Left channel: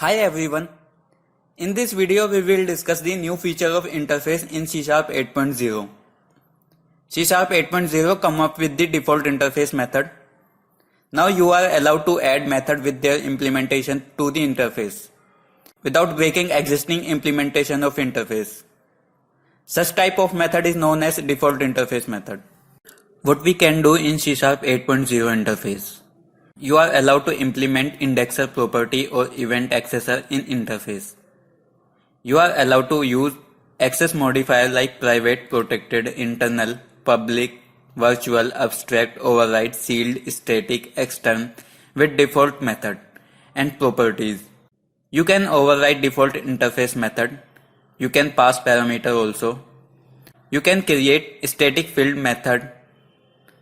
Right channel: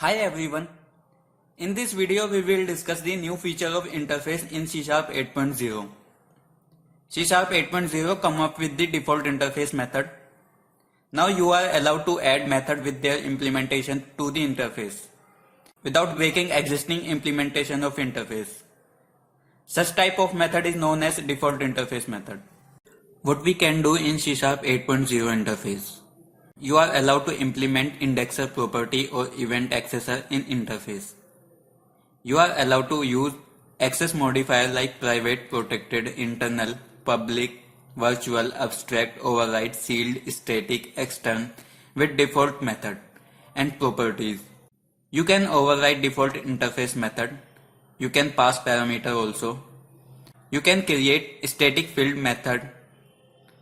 Hi everyone. In this video we will discuss the new feature of interface in C# 8.0. C# 8.0 come up with the default interface method. Now you are allowed to add method with their implementation to the interface without breaking existing implementation of interface. Such type of method is known as default interface method. What we can do in C# 8.0 interface. You are allowed to implement indexer property or event accessor in interface. You are allowed to use access modifier like private, protected, internal, public, virtual, abstract, override, sealed, static, extern with default method and properties. You can override default interface method. You can pass parameter also. You can create static field method,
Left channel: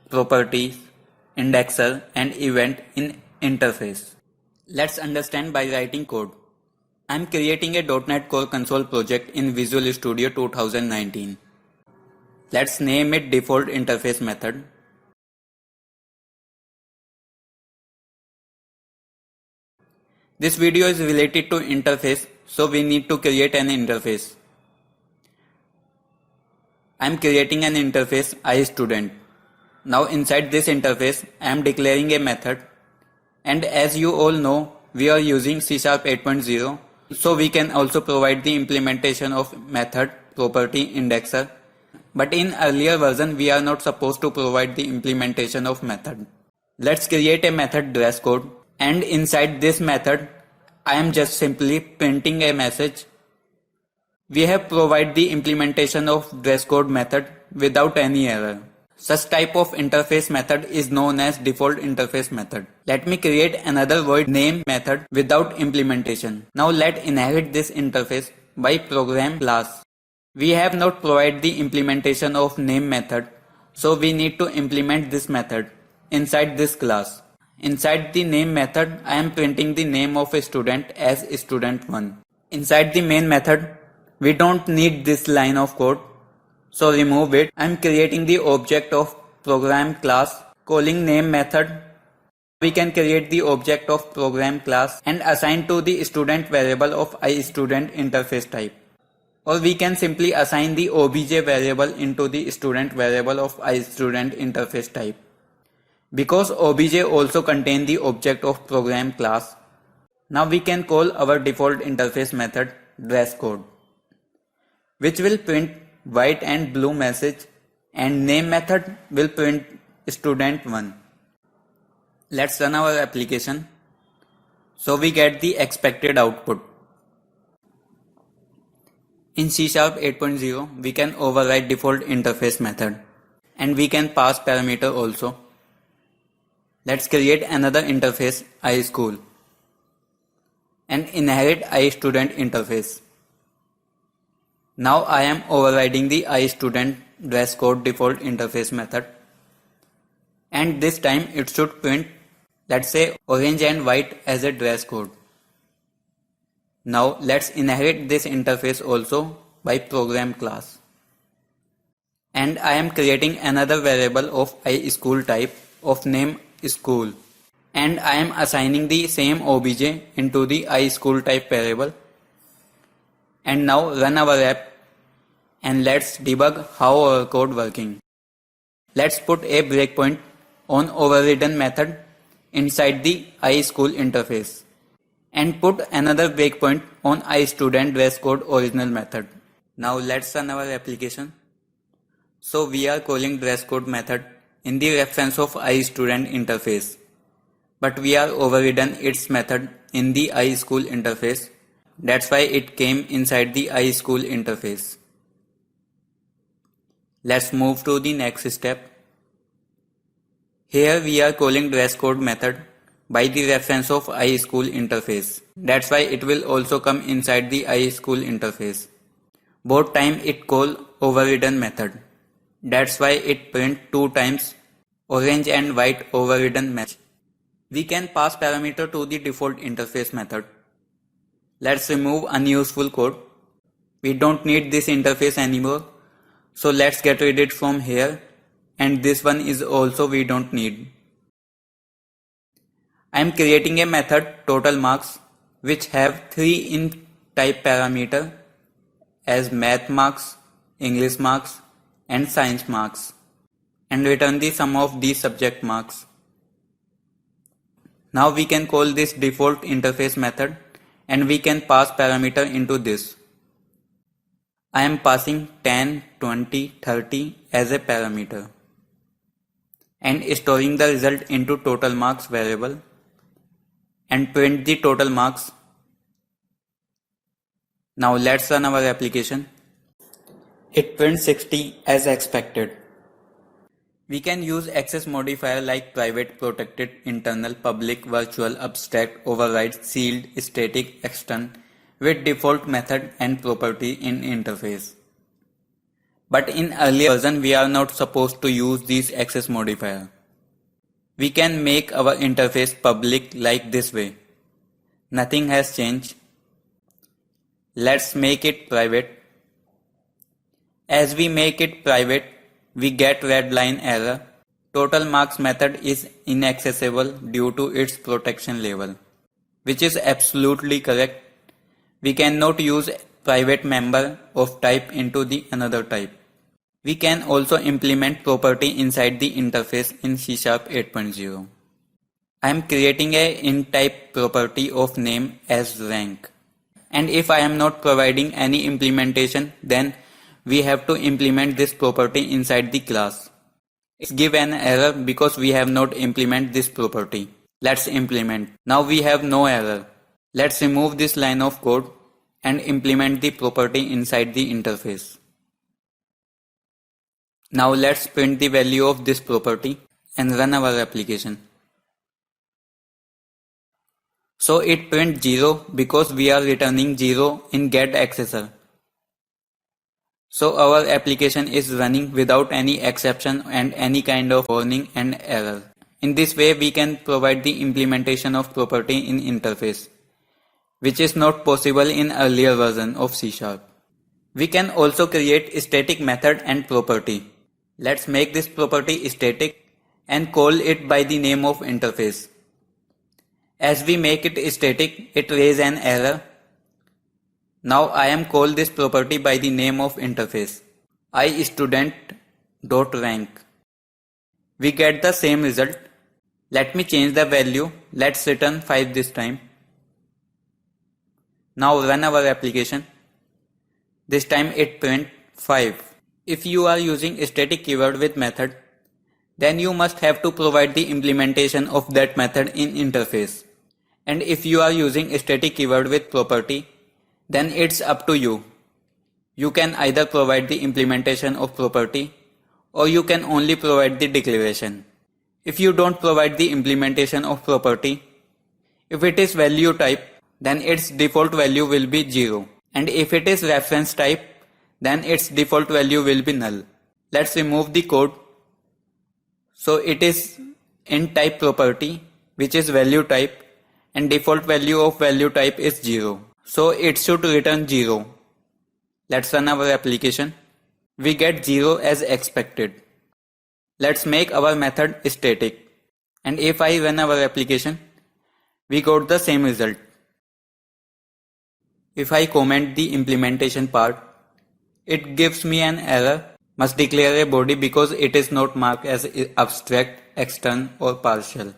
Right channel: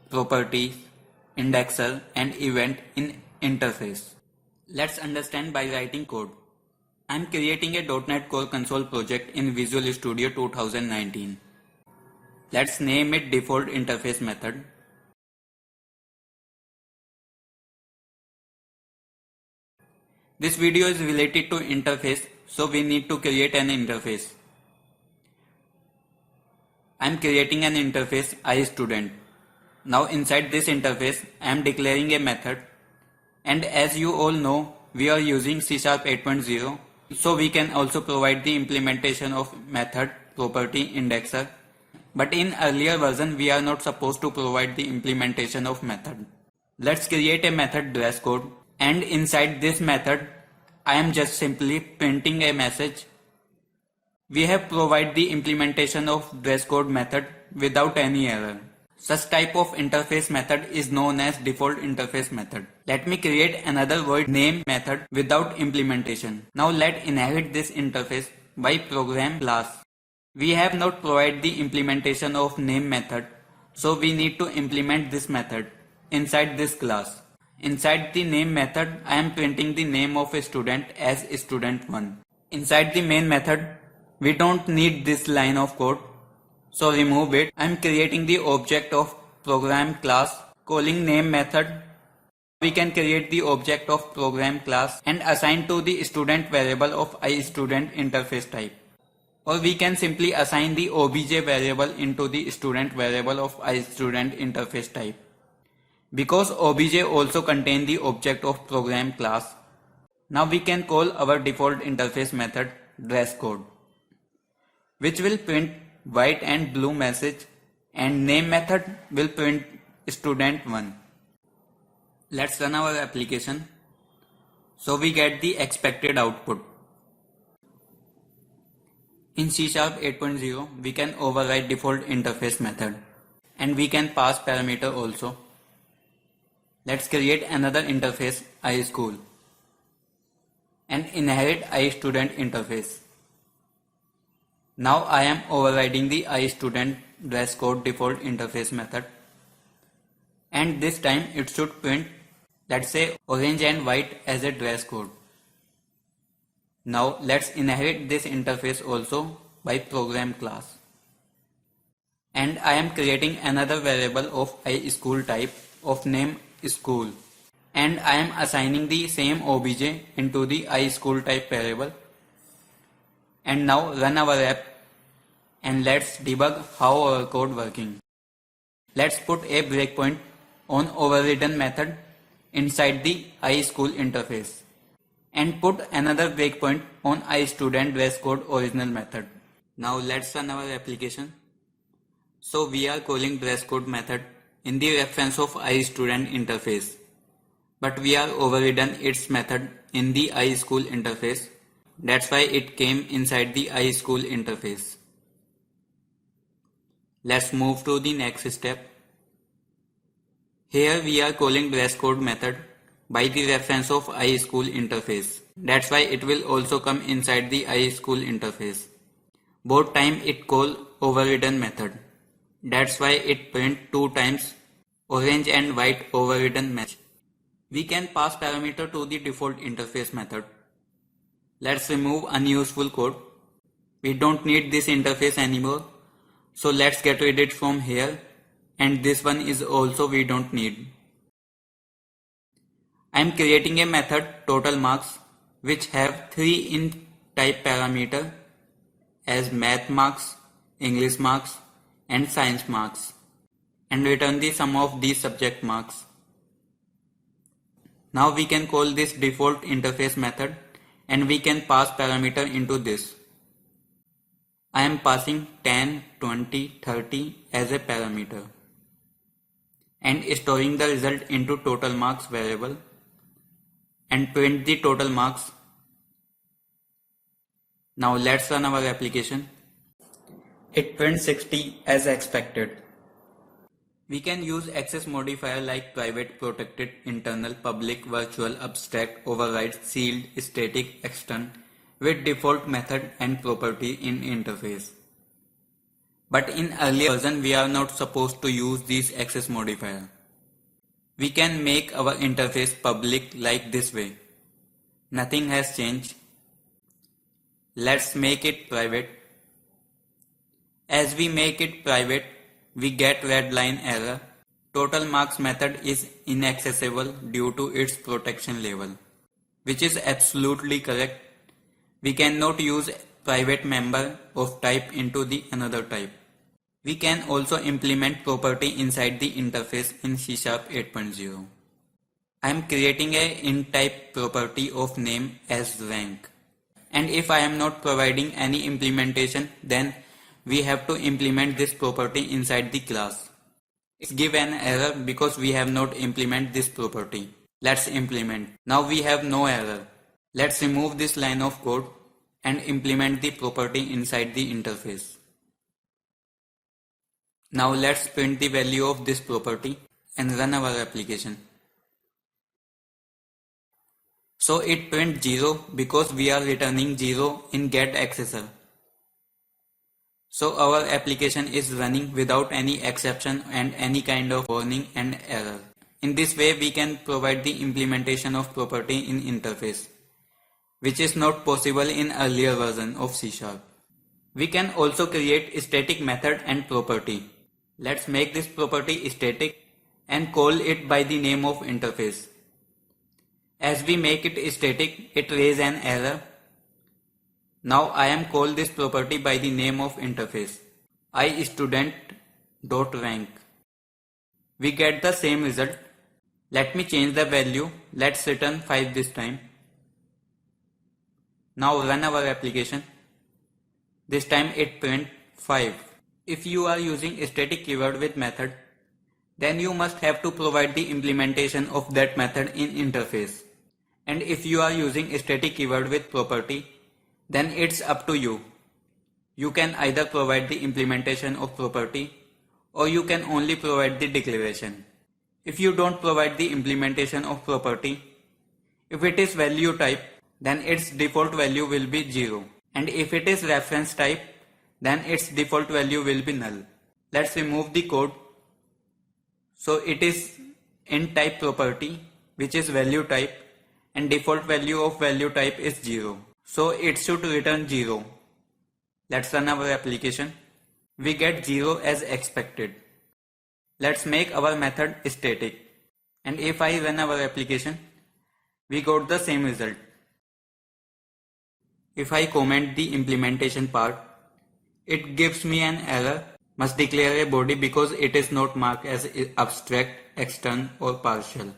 properties, indexer and event in interface. Let's understand by writing code. I am creating a .NET Core console project in Visual Studio 2019. Let's name it default interface method. This video is related to interface, so we need to create an interface. I am creating an interface iStudent. Now inside this interface, I am declaring a method, and as you all know, we are using C# 8.0, so we can also provide the implementation of method, property, indexer. But in earlier version, we are not supposed to provide the implementation of method. Let's create a method dress code, and inside this method, I am just simply printing a message. We have provided the implementation of dress code method without any error. Such type of interface method is known as default interface method. Let me create another void name method without implementation. Now let's inherit this interface by program class. We have not provided the implementation of name method, so we need to implement this method inside this class. Inside the name method, I am printing the name of a student as student1. Inside the main method, we don't need this line of code, so remove it. I am creating the object of program class calling name method. We can create the object of program class and assign to the student variable of iStudent interface type. Or we can simply assign the obj variable into the student variable of iStudent interface type. Because obj also contain the object of program class, now we can call our default interface method dress code, which will print white and blue message, and name method will print student1. Let's run our application so we get the expected output. In C# 8.0 we can override default interface method and we can pass parameter also. Let's create another interface iSchool and inherit iStudent interface. Now I am overriding the iStudent dress code default interface method, and this time it should print, let's say, orange and white as a dress code. Now let's inherit this interface also by program class. And I am creating another variable of iSchool type of name school, and I am assigning the same obj into the iSchool type variable. And now run our app and let's debug how our code working. Let's put a breakpoint on overridden method inside the iSchool interface and put another breakpoint on iStudent dress code original method. Now let's run our application. So we are calling dress code method in the reference of iStudent interface, but we are overridden its method in the iSchool interface. That's why it came inside the iSchool interface. Let's move to the next step. Here we are calling dress code method by the reference of iSchool interface. That's why it will also come inside the iSchool interface. Both time it call overridden method. That's why it print 2 times orange and white overridden message. We can pass parameter to the default interface method. Let's remove unuseful code. We don't need this interface anymore, so let's get rid of it from here, and this one is also we don't need. I am creating a method total marks which have 3 in type parameter as math marks, English marks and science marks, and return the sum of these subject marks. Now we can call this default interface method and we can pass parameter into this. I am passing 10, 20, 30 as a parameter and storing the result into total marks variable and print the total marks. Now let's run our application. It prints 60 as expected. We can use access modifier like private, protected, internal, public, virtual, abstract, override, sealed, static, extern with default method and property in interface. But in earlier version we are not supposed to use these access modifier. We can make our interface public like this way. Nothing has changed. Let's make it private. As we make it private, we get red line error. Total marks method is inaccessible due to its protection level, which is absolutely correct. We cannot use private member of type into the another type. We can also implement property inside the interface in C# 8.0. I am creating a int type property of name as rank. And if I am not providing any implementation, then we have to implement this property inside the class. It's give an error because we have not implemented this property. Let's implement. Now we have no error. Let's remove this line of code and implement the property inside the interface. Now let's print the value of this property and run our application. So it prints 0 because we are returning 0 in getAccessor. So our application is running without any exception and any kind of warning and error. In this way we can provide the implementation of property in interface, which is not possible in earlier version of C#. We can also create static method and property. Let's make this property static and call it by the name of interface. As we make it static, it raises an error. Now I am call this property by the name of interface. iStudent.rank. We get the same result. Let me change the value. Let's return 5 this time. Now run our application. This time it print 5. If you are using a static keyword with method, then you must have to provide the implementation of that method in interface. And if you are using a static keyword with property, then it's up to you. You can either provide the implementation of property or you can only provide the declaration. If you don't provide the implementation of property, if it is value type, then its default value will be 0. And if it is reference type, then its default value will be null. Let's remove the code. So it is int type property, which is value type, and default value of value type is 0. So it should return 0. Let's run our application. We get 0 as expected. Let's make our method static. And if I run our application, we got the same result. If I comment the implementation part, it gives me an error. Must declare a body because it is not marked as abstract, extern or partial.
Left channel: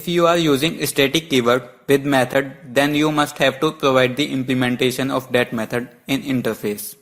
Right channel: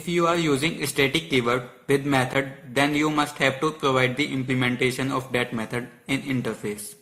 If you are using static keyword with method, then you must have to provide the implementation of that method in interface.